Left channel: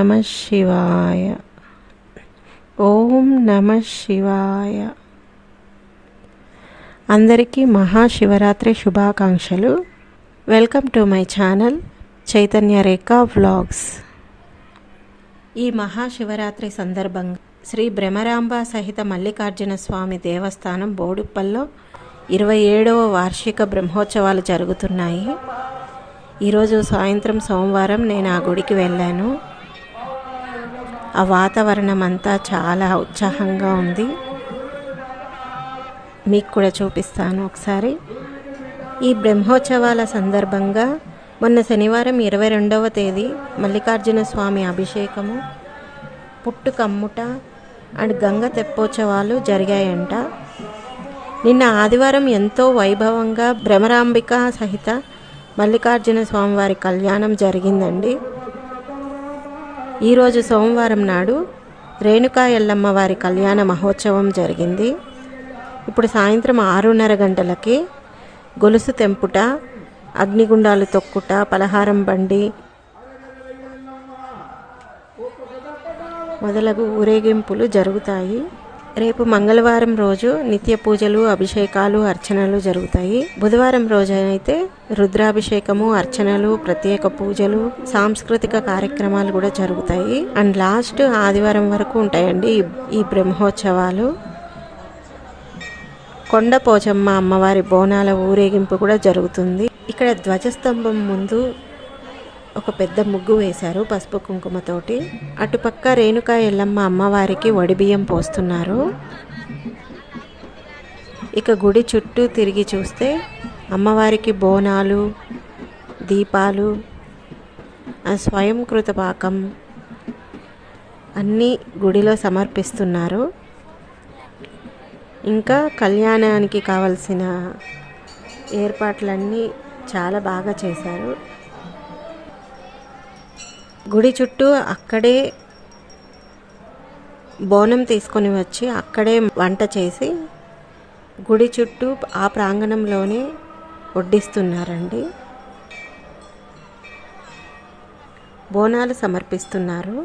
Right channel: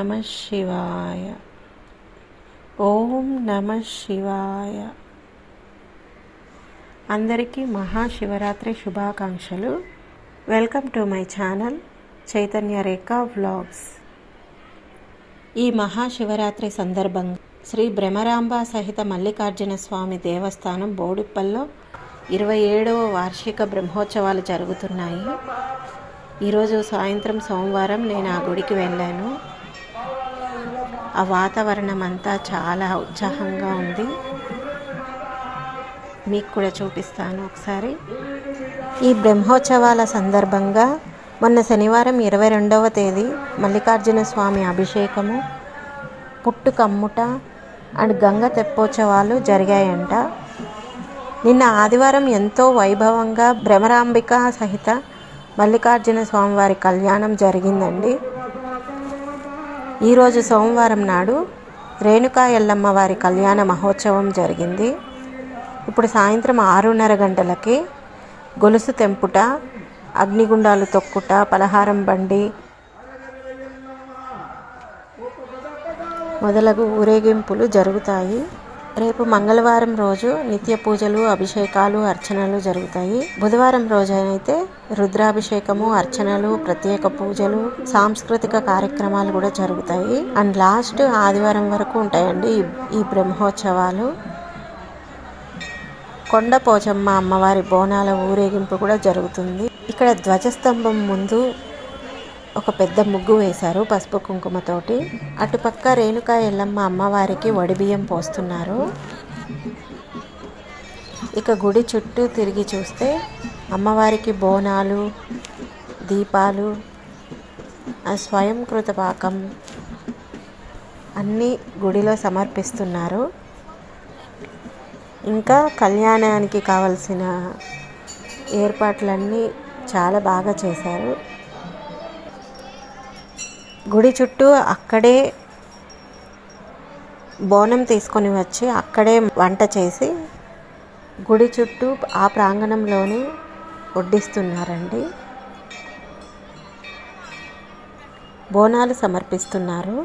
నమః శివాయ. ఓం నమః శివాయ. అందరికీ మహాశివరాత్రి శుభాకాంక్షలు. Welcome to my channel Chaitanya Rekha vlogs. ఈ మహాశివరాత్రి సందర్భంగా శ్రీ భ్రమరాంబ సహిత మల్లికార్జున స్వామి దేవస్థానం బోడుప్పల్లో 27వ వార్షిక బ్రహ్మోత్సవాలు జరుగుతున్నాయి. ఈరోజు సాయంత్రం సోమవారం నేను ఆ గుడికి వెళ్ళాను. ఆ వాతావరణం అంతా చాలా ఉత్సాహంగా ఉంది. మీకు కూడా చూపిస్తాను ఒకసారి. ఈ బ్రహ్మోత్సవాల సందర్భంగా మొన్న శనివారం 22వ తేదీ మల్లికార్జున స్వామి అభిషేకము, పుట్టు కమ్ముట అండ్ గంగ తెప్పోత్సవాలు జరిగాయంట. నిన్న ఆదివారం ఎంతో వైభవంగా భ్రమరాంబిక సహిత మల్లికార్జున స్వామి వారి కళ్యాణం జరిగిందండి. ఈరోజు సోమవారం నాడు రేణుకా ఎల్లమ్మ వారి కళ్యాణ మహోత్సవం జరిగింది. ఇప్పుడు సాయంత్రం 6:30 గంటలకి గొలుసు తెంపుట, అగ్నిగుండాలు తొక్కుట, పలహారం బండి మొదలగు ఊరేగింపులు జరుగుతాయి. రేపు మంగళవారం రోజు నిత్య పూజలు, అభిషేకాలు, అర్చనలు జరుగుతాయి. బుధవారం రోజు అయితే రుద్రాభిషేకము, అర్చనలు, ప్రత్యేక పూజలు, సాంస్కృతిక కార్యక్రమాలు కూడా జరుగుతాయి. అండ్ లాస్ట్ ఆదివారం వరకు ఉంటాయండి ఈ బ్రహ్మోత్సవాలు. కొండ పోచమ్మ అమ్మవారి బోనాల ఊరేగింపు కూడా జరుగుతుంది. ఇక్కడ ధ్వజస్తంభం ముందు ఒక పెద్ద ముగ్గు వేశారు పసుపు కుంకుమతోటి. అటుపక్క రేణుకా ఎల్లమ్మ అమ్మవారికి వడిబియ్యం పోస్తున్నారు. ఇక గుడి చుట్టూ తిరిగి చూస్తే అమ్మవారికి బోనాలు, దీపాలు, స్వయంకృత పాకం అన్నీ గుడిలో సమర్పిస్తున్నారు. ఇంకా కళ్యాణానికి కావలసిన ఏర్పాట్లన్నీ చాలా బాగా చేశారు. గుడి చుట్టూ అక్కడే బోనం తీసుకొని వచ్చి అక్కడే వంట చేసి గుడి చుట్టూ ఆ ప్రాంగణంలోనే వడ్డిస్తున్నారండి. బోనాలు సమర్పిస్తున్నారు,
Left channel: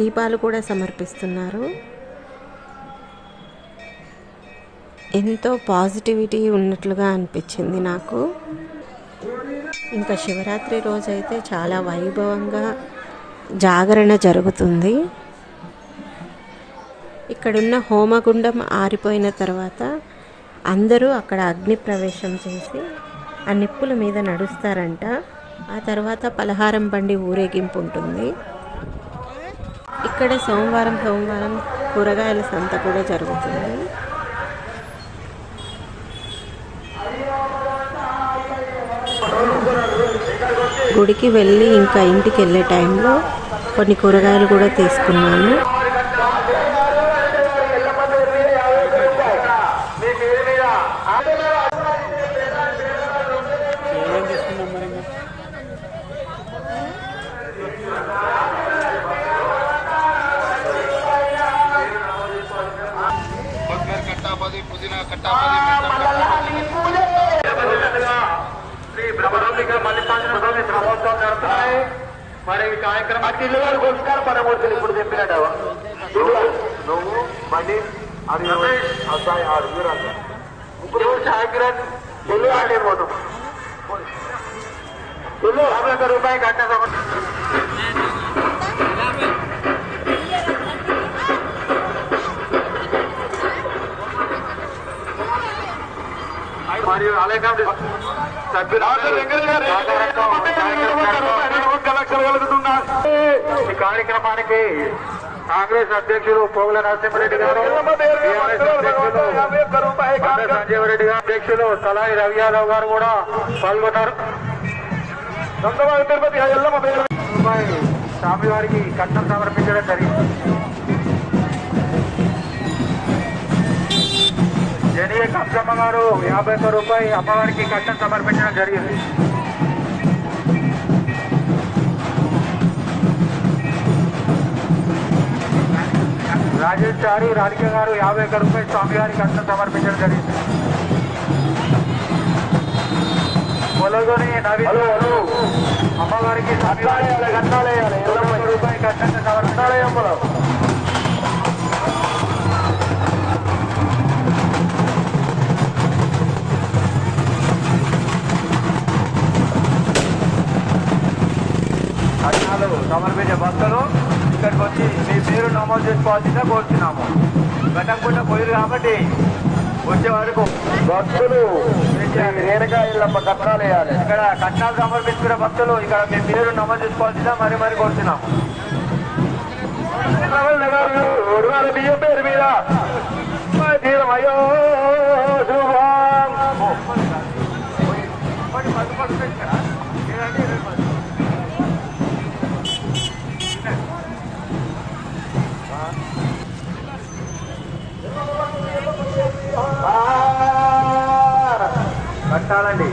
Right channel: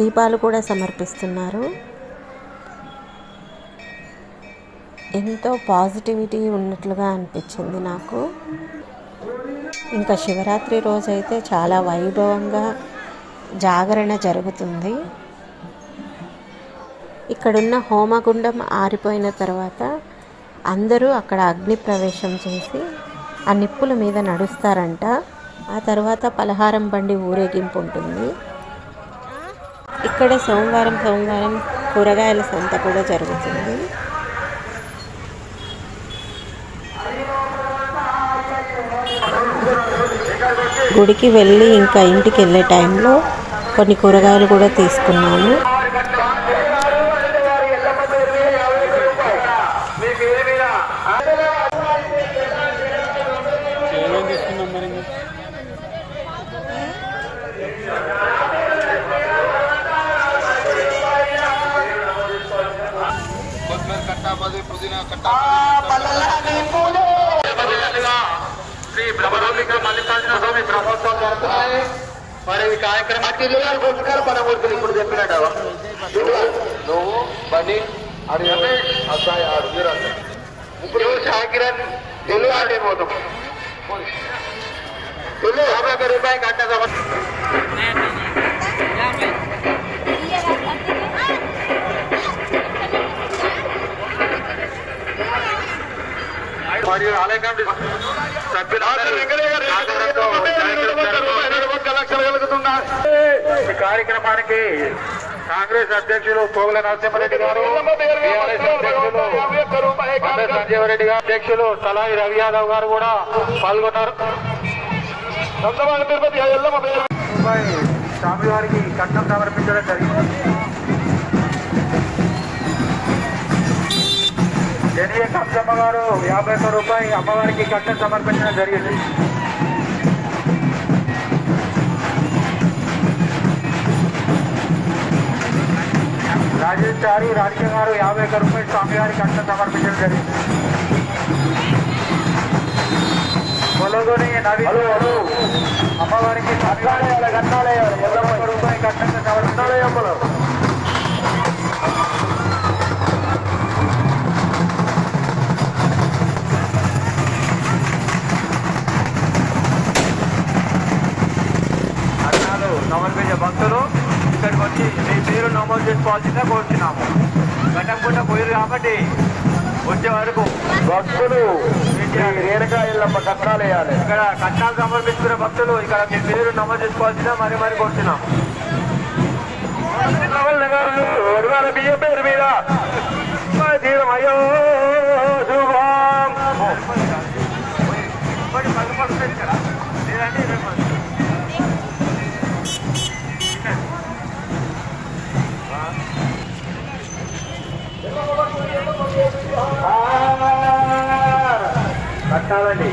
దీపాలు కూడా సమర్పిస్తున్నారు. ఎంతో పాజిటివిటీ ఉన్నట్లుగా అనిపించింది నాకు. ఇంకా శివరాత్రి రోజైతే చాలా వైభవంగా జాగరణ జరుగుతుంది. ఇక్కడున్న హోమగుండం ఆరిపోయిన తర్వాత అందరూ అక్కడ అగ్ని ప్రవేశం చేసి ఆ నిప్పుల మీద నడుస్తారంట. ఆ తర్వాత పలహారం బండి ఊరేగింపు ఉంటుంది. ఇక్కడ సోమవారం కూరగాయల సంత కూడా జరుగుతుంది. గుడికి వెళ్ళి ఇంకా ఇంటికి వెళ్ళే టైంలో కొన్ని కూరగాయలు కూడా తీసుకున్నాను. శ్రీ భ్రమరాంబిక మల్లికార్జున స్వామి బ్రహ్మోత్సవం జరుగుతున్నాయి. మరి ఈ కార్యక్రమానికి పురస్కార పరమూర్తులు ఇప్పుడు చెప్పినట్టు నువ్వు బండి అసాయి ఆడు ఇప్పుడు షాకిరన్ తెలుగు ఆడేపోతాం. తెలుగు 50 రూపాయలు కట్టగా మరియు ఆలయ కమిటీ ఈ కార్యక్రమానికి కాంగ్రెస్ అధ్యక్షులు పోగుల నరసింహారెడ్డి గారు, టీఆర్ఎస్ అధ్యక్షులు సంజీవరెడ్డి గారు, అధ్యక్షులు తలాయి రవి యాదవ్ గారు కూడా పాల్గొన్నారు. స్వామివారికి కట్నం సమర్పించడం జరిగింది. జనియ కప్పమ్మ గారు 51 రూపాయలు అమ్మవారికి కట్నం సమర్పించడం జరిగింది. రాజేష్ చారి రాధిక గారు 51 రూపాయలు స్వామివారికి కట్నం సమర్పించడం జరిగింది. పొలగొని హలో అమ్మవారికి కట్టాలేయాలి రూపాయి కట్టాలేయమ్మలు. సమర్పించే భక్తులు ఇక్కడికి వచ్చి మీ పేరు నమోదు చేసుకోవాల్సిందే కోరుచున్నాము. గతంకుండా పోయారు కాబట్టి వచ్చే వరకు భక్తులు రేణకాయలమ్మ కట్టాలేయాలి. ఇక్కడ కట్నాలు సమర్పించుకునే భక్తులు ఇక్కడ మీ పేరు నమోదు చేసుకోవాల్సిందే మరి కోరుచున్నాం. బియ్యం పేరు మీద అయ్యో కట్టాలండి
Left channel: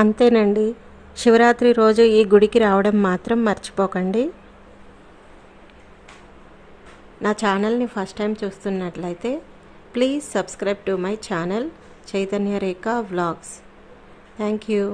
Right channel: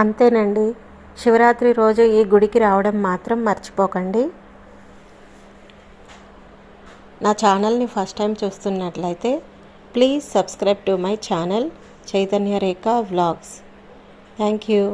అంతేనండి. శివరాత్రి రోజు ఈ గుడికి రావడం మాత్రం మర్చిపోకండి. నా ఛానల్ని ఫస్ట్ టైం చూస్తున్నట్లయితే please subscribe to my channel Chaitanya Rekha vlogs. Thank you.